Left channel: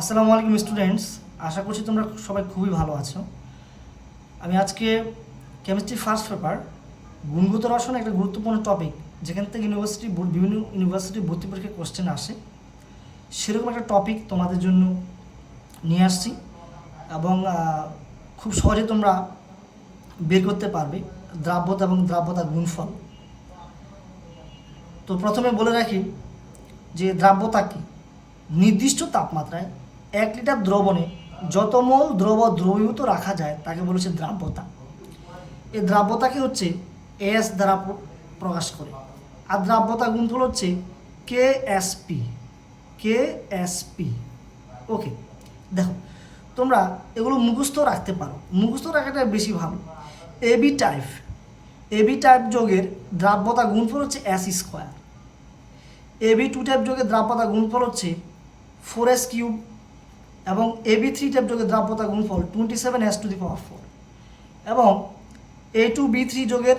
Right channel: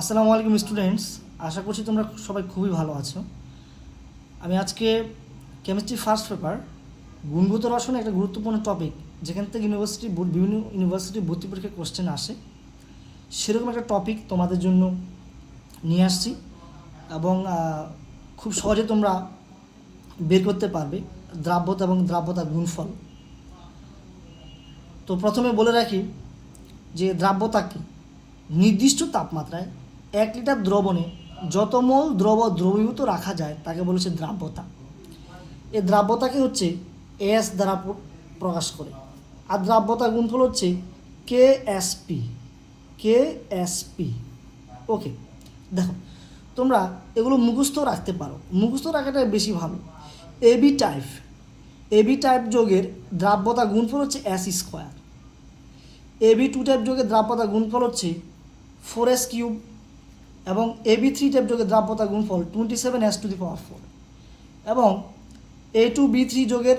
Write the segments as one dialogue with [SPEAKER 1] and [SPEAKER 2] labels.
[SPEAKER 1] আসসালামু আলাইকুম স্টুডেন্টস আশা করছি তোমরা সবাই খুবই ভালো আছো। আমি আজকে কেমিস্ট্রি ফার্স্ট পেপার গুণগত রসায়ন একটা গুরুত্বপূর্ণ টপিক যেখান থেকে ইউনিভার্সিটি বিভিন্ন ইউনিভার্সিটি ভর্তি পরীক্ষার কোশ্চেন আসে। সেরকম একটা টপিক তোমাদের জন্য নিয়ে আসছি এবং খুব সহজে তোমরা বের করতে পারবে দ্রাব্যতা এবং দ্রাব্যতা গুণফল। তো প্রথমে বলে রাখি যে দ্রাব্যতা কী? নির্দিষ্ট তাপমাত্রায় এক লিটার দ্রবণে যত মোল দ্রব দ্রবীভূত রাখা যায়, তাকে বলেছে দ্রাব্যতা। এই দ্রাব্যতাকে হচ্ছে? এস দ্বারা প্রকাশ করে। আর দ্রাব্যতা গুণফল হচ্ছে K S P K S P okay দেখো, তোমরা এগুলো মুখস্থ রাখতে পারো। মুখস্থ রাখাটা বেশি ভালো। এবি টাইপ এবি টাইপ যোগের দ্রাব্যতা গুণফল হচ্ছে S square A B two type যোগের দ্রাব্যতা গুণফল হচ্ছে ফোর এস কিউব এবং এ বি থ্রি টাইপ যোগের দ্রাব্যতা গুণফল twenty seven S to the power four এবং এ টু বি থ্রি যোগের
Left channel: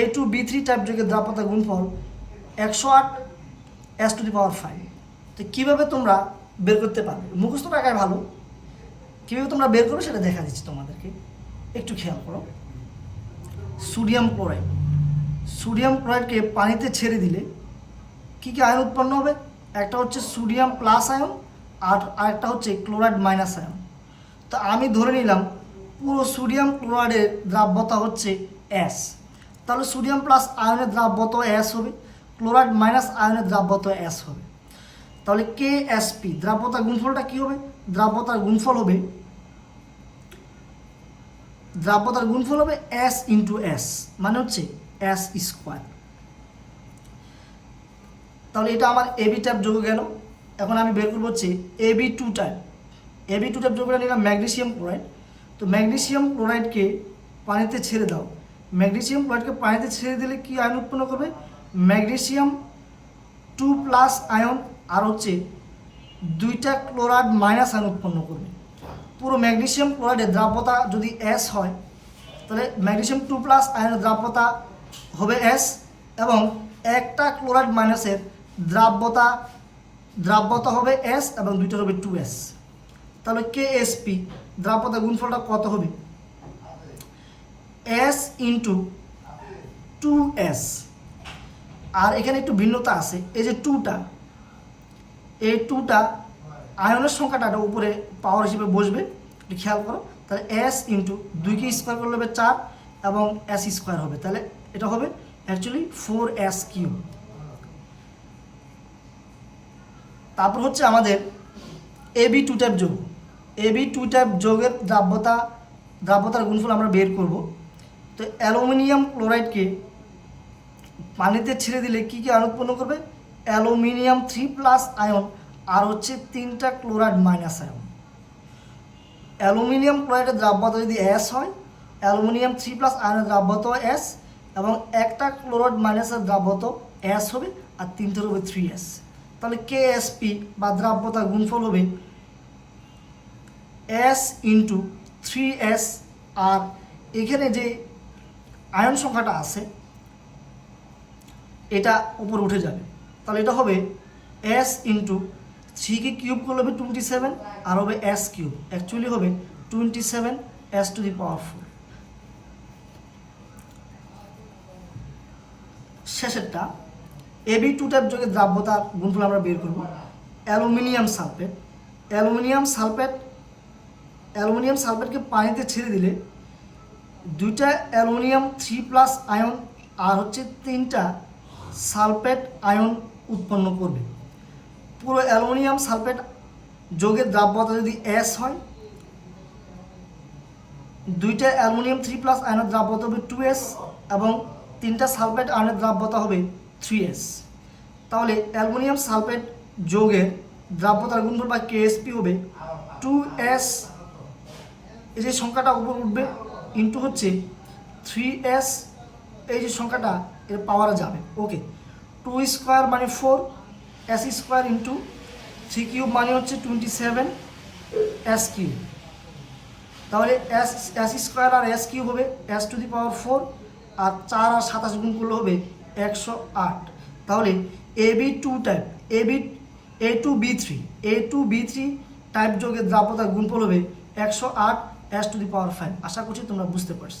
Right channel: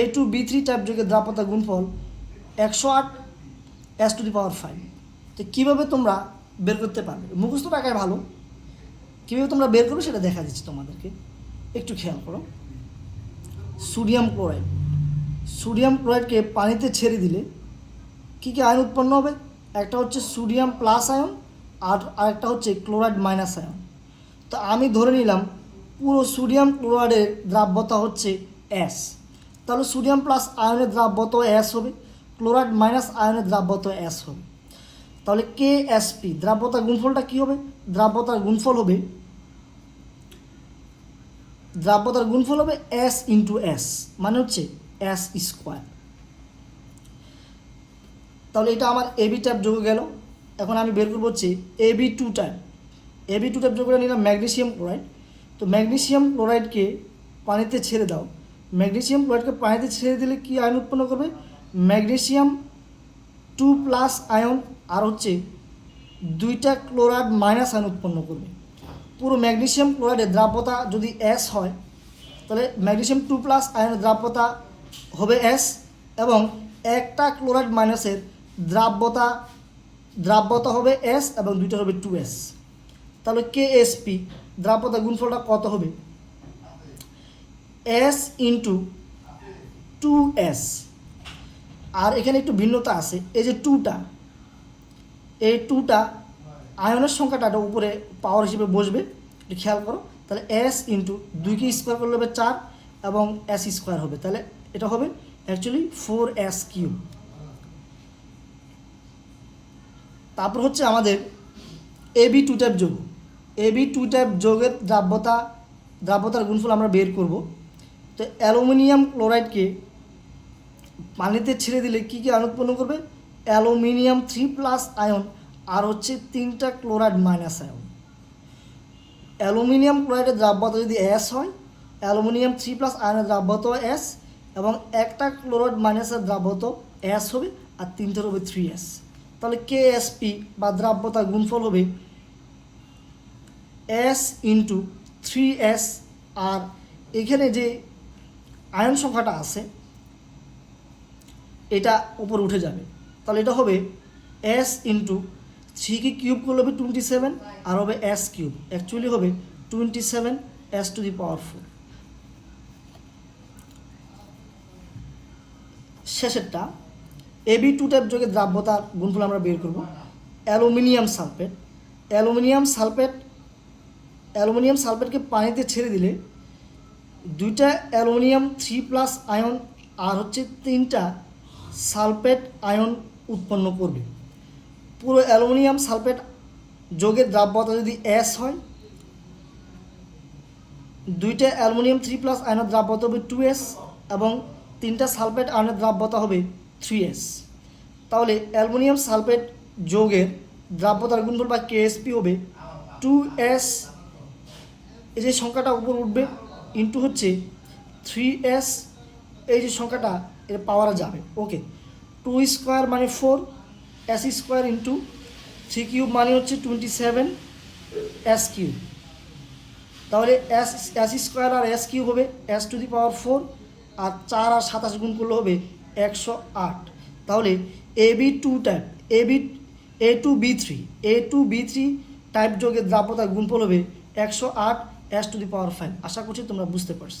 [SPEAKER 1] A two B three type যোগের দ্রাব্যতা গুণফল একশো আট S to the power five তো কীভাবে তোমরা বের করতে পারবে? মুখস্থ টাকায় ভালো। কীভাবে তোমরা বের করবে সেটা দেখা দিচ্ছি তোমাদেরকে। একটু খেয়াল করো। Sodium chloride. সোডিয়াম ক্লোরাইডকে পানিতে ছেড়ে দিলে কী কী আয়ন উৎপন্ন হবে? একটা হচ্ছে সোডিয়াম প্লাস আয়ন আর আরেকটা হচ্ছে ক্লোরাইড মাইনাস আয়ন তো আমি ধরে নিলাম পুরো সোডিয়াম ক্লোরাইডের দ্রাব্যতা হচ্ছে এস। তাহলে সোডিয়াম প্লাস আয়নের দ্রাব্যত এস হবে, ক্লোরাইড মাইনাস আয়নের দ্রাব্যত এস হবে। তাহলে কে এস পি দ্রাব্যতার গুণফলটা কী হবে? দ্রাব্যতার গুণফল হবে, দ্রাব্যতার গুণফল হবে এস ইন্টু এস মানে হচ্ছে এস স্কোয়ার। তাহলে এটা আমার এবি টাইপ যোগ গেল। এখন আমি বের করব হচ্ছে A B two type A B two type যোগ করে নিলাম ম্যাগনেসিয়াম ক্লোরাইড তো ম্যাগনেশিয়াম ক্লোরাইডকে পানিতে ছেড়ে দাও। ম্যাগনেশিয়াম ক্লোরাইডকে পানিতে ছেড়ে দিলে কি আয়ন উৎপন্ন করবে? ম্যাগনেশিয়াম টু প্লাস আয়ন আর হচ্ছে দুইটা ক্লোরাইড মাইনাস আয়ন উৎপন্ন করবে। পুরো ম্যাগনেশিয়াম ক্লোরাইডের দ্রাব্যতা যদি এস হয়, তাহলে ম্যাগনেশিয়াম টু প্লাস আয়নের দ্রাব্যতা হবে এস এবং একটা ক্লোরাইড মাইনাসের দ্রাব্যতা দ্রাব্যতা হবে এস এবং দুইটা হবে টু এস তাহলে কে এস পি দ্রাব্যতা গুণফলটা কত হবে? এস ইন্টু টু এস আর এখানে একটু ভিন্নতা আছে, এই যে টুটা এই টুটা আয়নের সংখ্যাটা এটা উপরে পাওয়ার হিসেবে বসবে, একটু খেয়াল করো। তাহলে এস ইন্টু দুইকে স্কোয়ার করলে হবে চার এবং এস স্কোয়ার হবে। তাহলে এটা হবে অ্যাকচুয়ালি ফোর এস কিউব তারপর হচ্ছে আমাদের এবি টু টাইপ যোগ। এবি টু টাইপ যোগের দ্রাব্যতা, দ্রাব্যতার গুণফল আমরা বের করব। তো অ্যালুমিনিয়াম ক্লোরাইডকে পানিতে ছেড়ে দিলে কী কী আয়ন উৎপন্ন করবে? অ্যালুমিনিয়াম থ্রি প্লাস আয়ন আর হচ্ছে তিনটা ক্লোরাইড মাইনাস আয়ন অ্যালুমিনিয়াম ক্লোরাইডের দ্রাব্যতা যদি এস হয়, অ্যালুমিনিয়াম থ্রি প্লাস আয়নের দ্রাব্যতা এস এবং একটা ক্লোরাইড মাইনাসের দ্রাব্যত এস হবে আর তিনটার হবে থ্রি এস তাহলে কে এস পি বা দ্রাব্যতার গুণফল হবে এস ইন্টু থ্রি এস আর এখানে যে আয়ন সংখ্যাটা আছে, এটা ওপর উঠে যাবে। তাহলে এটা হবে এস ইন্টু থ্রিকে কিউব করলে হবে টোয়েন্টি সেভেন আর হবে এস কিউব অ্যাকচুয়ালি হবে twenty seven S to the power four শেষেরটা AB two type যোগে দ্রাব্যতার গুণফল আমরা বের করব। Aluminium sulphate. Aluminium sulphate aluminium সালফেটকে পানিতে ছেড়ে দিলে দুইটা অ্যালুমিনিয়াম থ্রি প্লাস আয়ন আর হচ্ছে তিনটা সালফেট আয়ন উৎপন্ন করবে। পুরো অ্যালুমিনিয়াম সালফেট যোগের দ্রাব্যতা যদি এস হয়, দুইটা অ্যালুমিনিয়াম থ্রি প্লাস আয়নের দ্রাব্যতা হবে টু এস এবং তিনটা সালফেট আয়নের দ্রাব্যতা হবে থ্রি এস। তাহলে অ্যালুমিনিয়াম সালফেট যোগের দ্রাব্যতার গুণফল বা কেএসপি হবে টু এস এই যে সংখ্যাটা উপর উঠবে ইন্টু হচ্ছে থ্রি এস এই যে সংখ্যাটা এর পাওয়ারে যাবে। ওকে টু স্কোয়ার মানে four S square into three cube মানে হচ্ছে টোয়েন্টি সেভেন এস কিউব তাহলে এস এস স্কোয়ার আর এস কিউব হবে S to the power four আর চার আর সাতাশ গুণ করলে হবে একশো আট। তাহলে A B two type, A B, A two B three, A two B three type যোগের দ্রাব্যতার গুণফল হবে একশো আট S to the power five. আশা করছি তোমরা বুঝতে পারছ।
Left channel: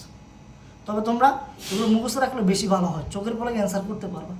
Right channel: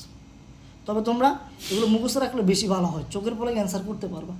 [SPEAKER 1] তবে তোমরা এগুলো মুখস্থ রাখলে বেশি ভালো হয়, চোখের ফলে অ্যান্সার করতে পারবে।